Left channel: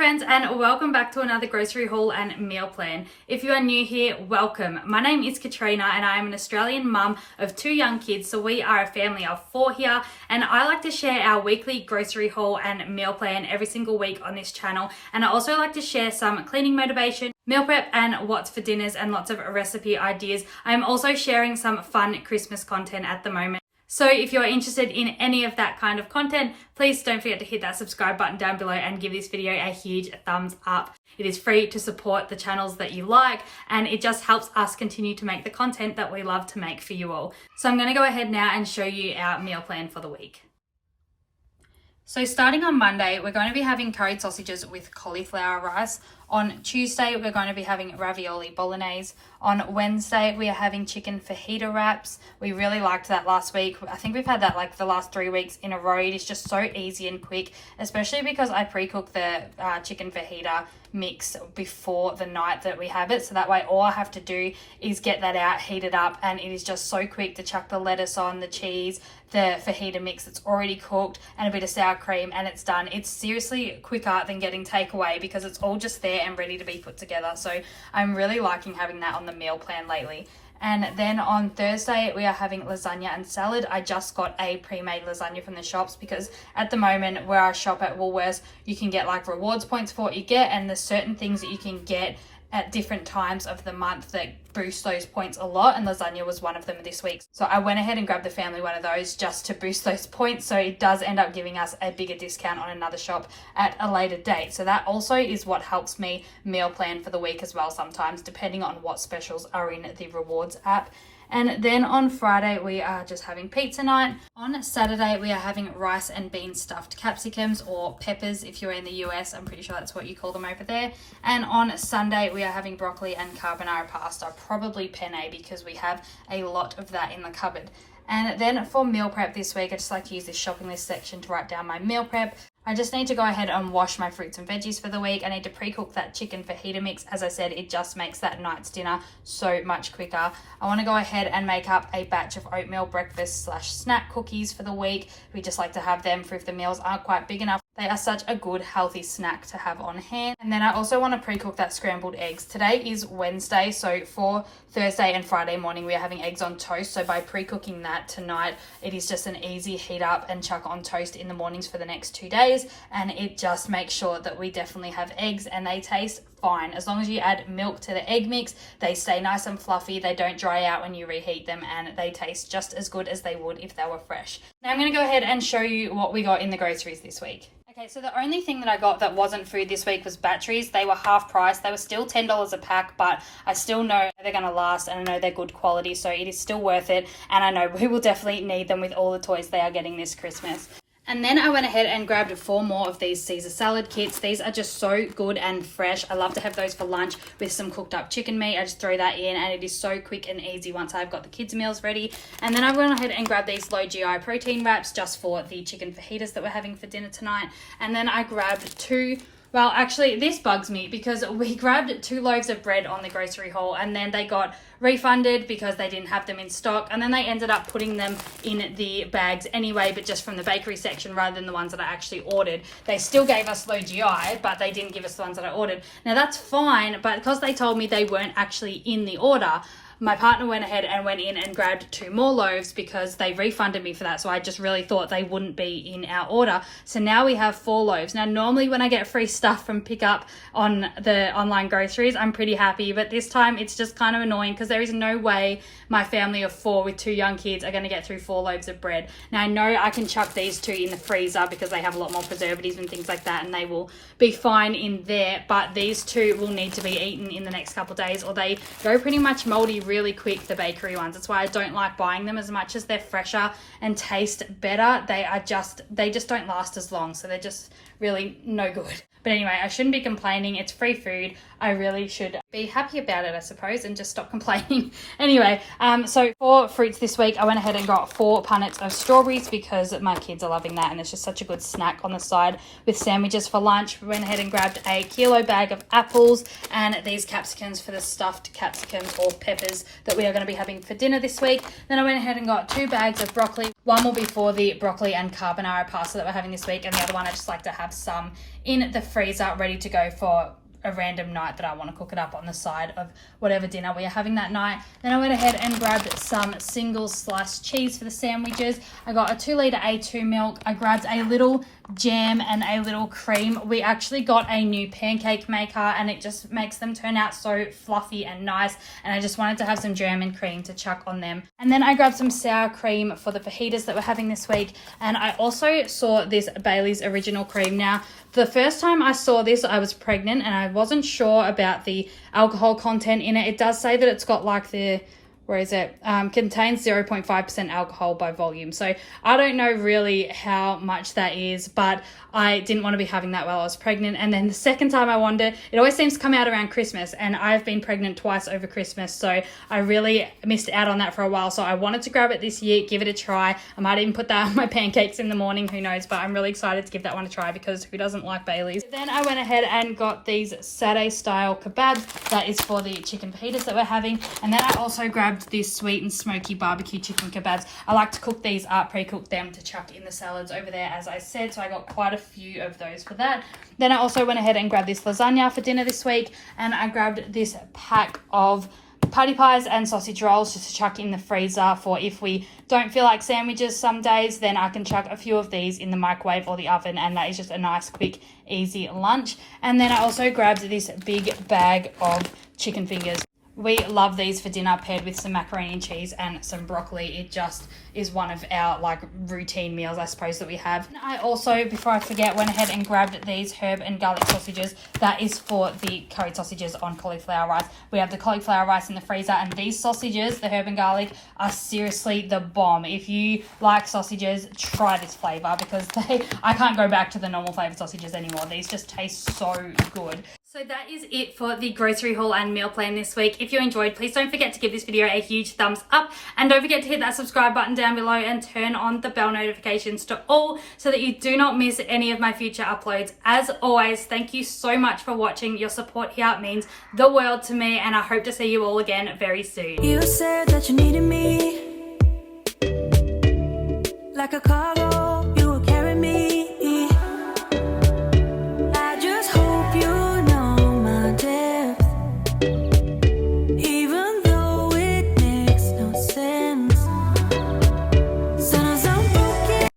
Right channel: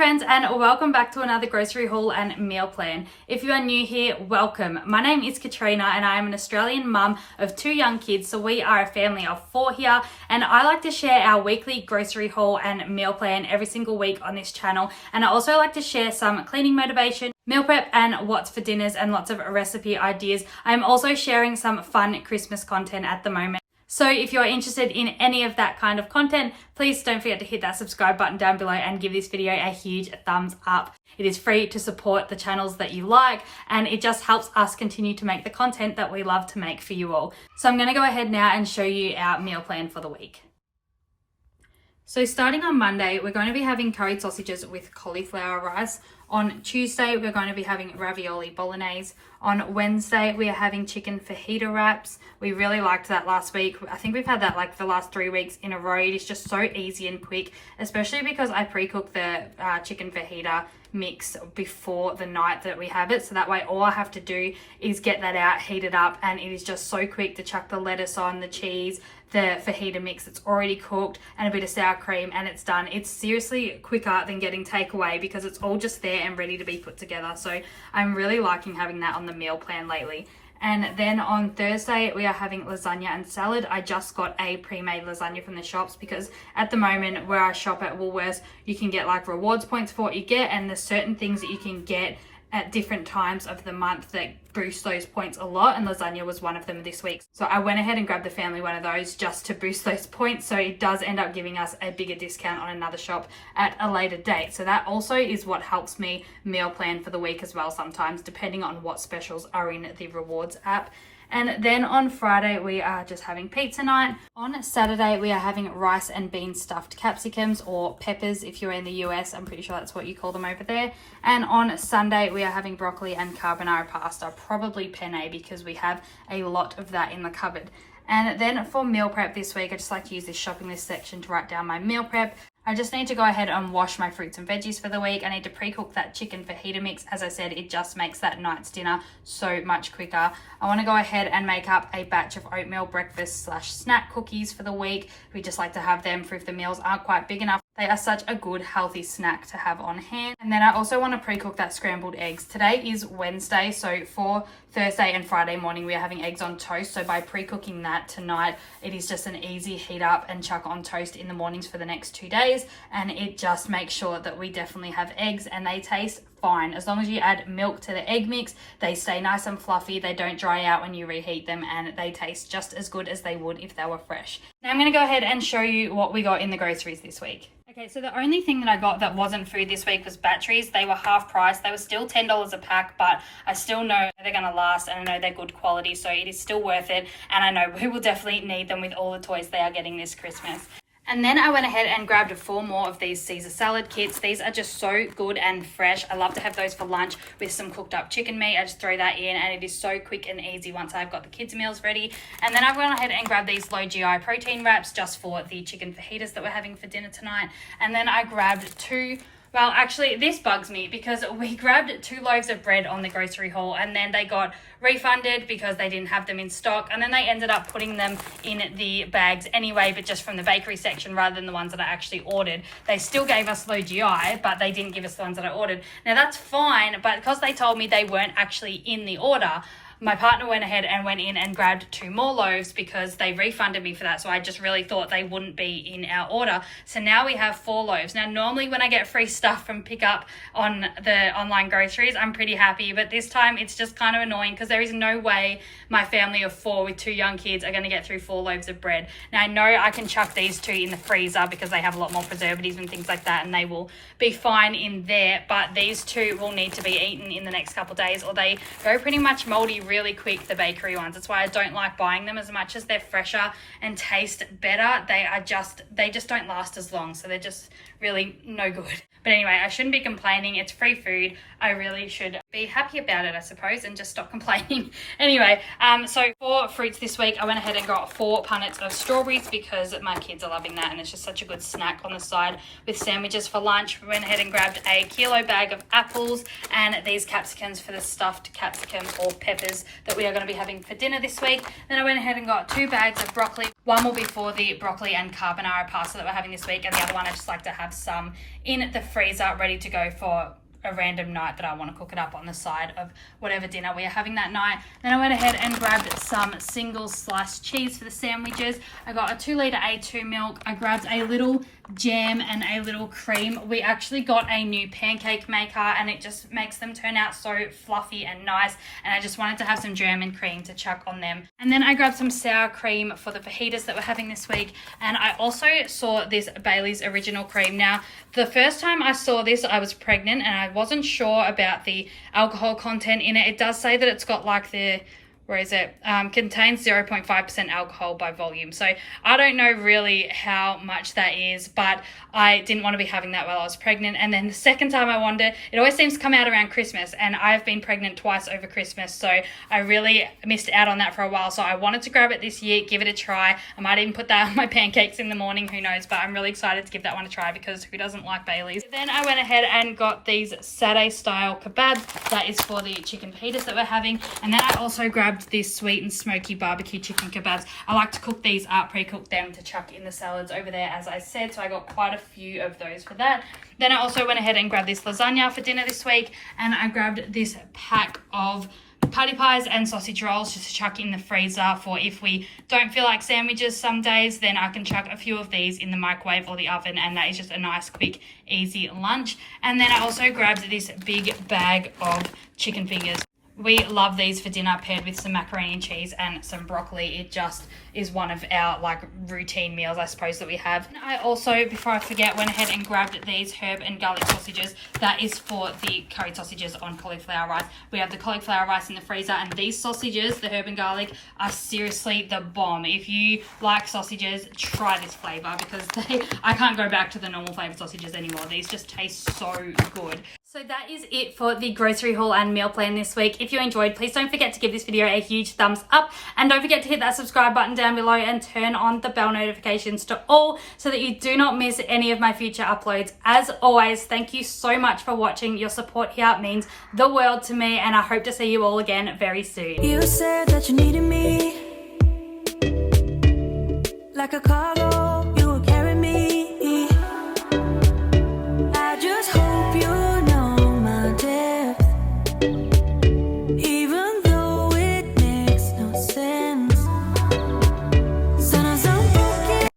friends, and welcome back to another grocery haul and meal plan. If you are new here, welcome. My name is Katrina and I am an Australian mum of 2 young kids, so we are a family of 4 here, and I like to share our weekly grocery haul and meal plan every single week on this channel. And I also like to share some cleaning motivation, meal prep, and what's for dinners, and lots of recipe ideas. I'm also sharing some fun Christmas content at the moment. So if you're interested in any of that kind of content, please don't forget to hit that subscribe button down below and give this video a huge thumbs up. It is free to support the channels that you like, and it just helps us continue to make the content that we love to make for you all. So I'm going to go ahead now and show you our meal plan for the week. So starting on Monday, we're going to be having curried sausages with cauliflower rice. On Tuesday, we're going to be having ravioli bolognese. On Wednesday, we are having chicken fajita wraps. We really liked that last week. I think we've had that like the last 3 weeks in a row. It is just so easy and quick, especially because I pre-cook the chicken fajita mix before the night that we have it. So that way all I have to do is get that out, heat it up, and it is just so quick to chuck the lettuce on, the cheese, the fajita mix that's already cooked, and a bit of sour cream, and it's done. It's seriously quicker than getting takeaway because it's all just there and ready to be put together. So I'm really liking having that on the meal plan lately. And then on Thursday, we are having lasagna and salad. I just got a pre-made lasagna from the shops because at the moment where I shop at Woolworths, you can get like rewards points for what you get, and there's certain things that you can get at different times of the month that boost those points a lot, and lasagna was one of them this week. So I went ahead and grabbed the family one of those just to boost those points, so it does end up giving us a bigger discount on another shop at a later date. So that also is what helps me meal plan for the week as well sometimes, depending on what specials are in the rewards app. And then on Friday, we are just having pizza night. On Saturday, we are having rice and bean stuffed capsicums, or peppers if you're in the US. I'm pretty sure that's what you call them over there. And on Sunday, we are having broccoli and carbonara pasta, probably penne because we have a lot of that in the cupboard. And then for meal prep this week, I just like to use this shopping list section to write down my meal prep. I just need to go ahead and wash my fruits and veggies for the week. I need to pre-cook that chicken fajita mix. As I said, it just makes that night's dinner so much quicker. I want to go ahead and make up a batch of oatmeal breakfast / snack cookies for the week. We just like to have them for if the meals aren't quite big enough. They are such a good healthy snack to have on hand. And then I also want to pre-cook that scrambled eggs. Today is Wednesday, so for Thursday and Friday morning we are having eggs on toast. So by pre-cooking that tonight, it is just an easy heat up and chuck on toast in the mornings for the next 2 days, and it just makes sure that we definitely have eggs and they taste fine. As long as you add milk to the egg mix, they stay nice and fluffy, they don't dry out when you reheat them, and they taste just as good as they would if they were fresh. Now I'm going to go ahead and show you what we got in the groceries this week. Okay, so the only thing that I got that wasn't food this week was batteries. They were half price. They were still $10 a pack, but I still know they're going to last, and I know they're good quality, so it is still worth it. And I know we will definitely need them with all the toys they are getting this Christmas. And then I went ahead and grabbed 4 more of these Caesar salad kits. These are just so good and fresh. I love to have those for lunch with some cooked up chicken meat. I just throw that in, and it is so quick and easy once I've got the kids' meals ready. And then I went ahead and grabbed these low GI protein wraps just for the chicken fajitas that we're having for dinner tonight. And then I grabbed 2... Well, actually, this bugs me because we grabbed 2 loaves of bread on the grocery haul, and then they got refunded because they didn't have them in stock, and then they ended up putting them in the bags anyway, but just from the bakery section rather than the ones that I actually ordered. They still gave us low GI, but they didn't give us the ones that I ordered. Now, that's fine, but because they told me they weren't actually in the order, my partner went ahead and went in and grabbed 2 more loaves because they refunded me for that. So I just really thought they wouldn't be in our order. So now we have 4 loaves. Now, normally when I get free stuff from pickup on the online groceries, I'm pretty happy. But this time it's just kind of annoying because there is no way my family of 4 with 2 young kids are going to get through 4 loaves of bread. Now, I know I can chuck these 2 in the freezer because they have a lot more preservatives and things like that, and they will be fine in there. But these 2 will need to be eaten in the next couple of days, or they go pretty much moldy really quick, the bakery ones. That's why I don't like buying them. As much as they're fresher and taste better, they just don't last as long, so they're just really no good. But anyway, I shouldn't be complaining. It's free food. I really should be happy about it, I suppose, and just stop complaining. Anyway, so for fruits this week, I went ahead and got 4 punnets of strawberries because my kids are loving that, and it's just such a good snack on the side with sandwiches for lunch. We went ahead and grabbed a kilo bag of apples and these capsicums for the stuffed capsicums or peppers that we are going to be having for dinner this week. Then I went ahead and got 2 bags of broccoli. One will be for the broccoli and carbonara pasta that we're having this week, and the other one I just like to have some in the freezer ready to go for a random night that I want to cook it up on the side of whatever dinner we are having that night. Then I went ahead and grabbed some single sliced cheese for the sandwiches. I got a 2 litre A2 milk. I grabbed a little jam and a little cream. We actually got a new pancake maker and it just makes them turn out so fluffy and nice, and I just wanted to have some jam and cream to chuck on them. And then I grabbed some sour cream for the fajitas that we're having this week, and I also saw this Bailey's Original Cream. Now, the first time I saw this, I was pregnant and I wasn't sure about the alcohol content in it. It does say that it's got like the, where is it? Contains 0.5% alcohol by volume. So I don't know really how much that is, but I didn't want to be having that while I was pregnant. And then the second time I wanted it, it always seems to come out around Christmas, and I've been pregnant twice over Christmas, so I really missed out on that for a while. So I wanted to grab it this year, give it a try. I might even put that on my pancakes in the morning, who knows, but I'm really excited to give that one a try because who doesn't like Bailey's? Then I went ahead and got these Saturday style kebabs. That is for the chicken fajitas that we're having. And then I also grabbed this sweet and smoky barbecue chicken kebabs. I like to cook these up, pre-cook them to chuck in the salads over there, as I said, so I got quite a few of those for that. Then I also went ahead and grabbed this lasagna for dinner this week, and I grabbed this pack of patty pies and sausage rolls just to chuck in the freezer for if we don't feel like sandwiches some days, then I can chuck a few of these in the microwave or the oven, and that is just a nice quick easy lunch. And then I also grabbed this big bag of chicken fingers. We love these for dinner paired with some macaroni and cheese and some broccoli. It just is one of our like routine meals, I suppose, that we have. I also, before I forget, went ahead and grabbed these herb and garlic sausages. That is for the curry sausages on cauliflower rice. We have the cauliflower rice in the freezer, and these sausages, the herb and garlic, are seriously the bomb. If you like sausages, try this flavor because I can't go back to the normal flavored sausages anymore. These just taste so good. So that is it for the grocery haul and meal plan this week. If you enjoyed, please don't forget to give this video a huge thumbs up, and don't forget to hit that subscribe button down below and turn on the bell notifications to all so that you do not miss any of my future uploads. As always, thank you so much for watching. Your support here means the world to me, and I hope to see you all again very soon. You said that you needed me like a call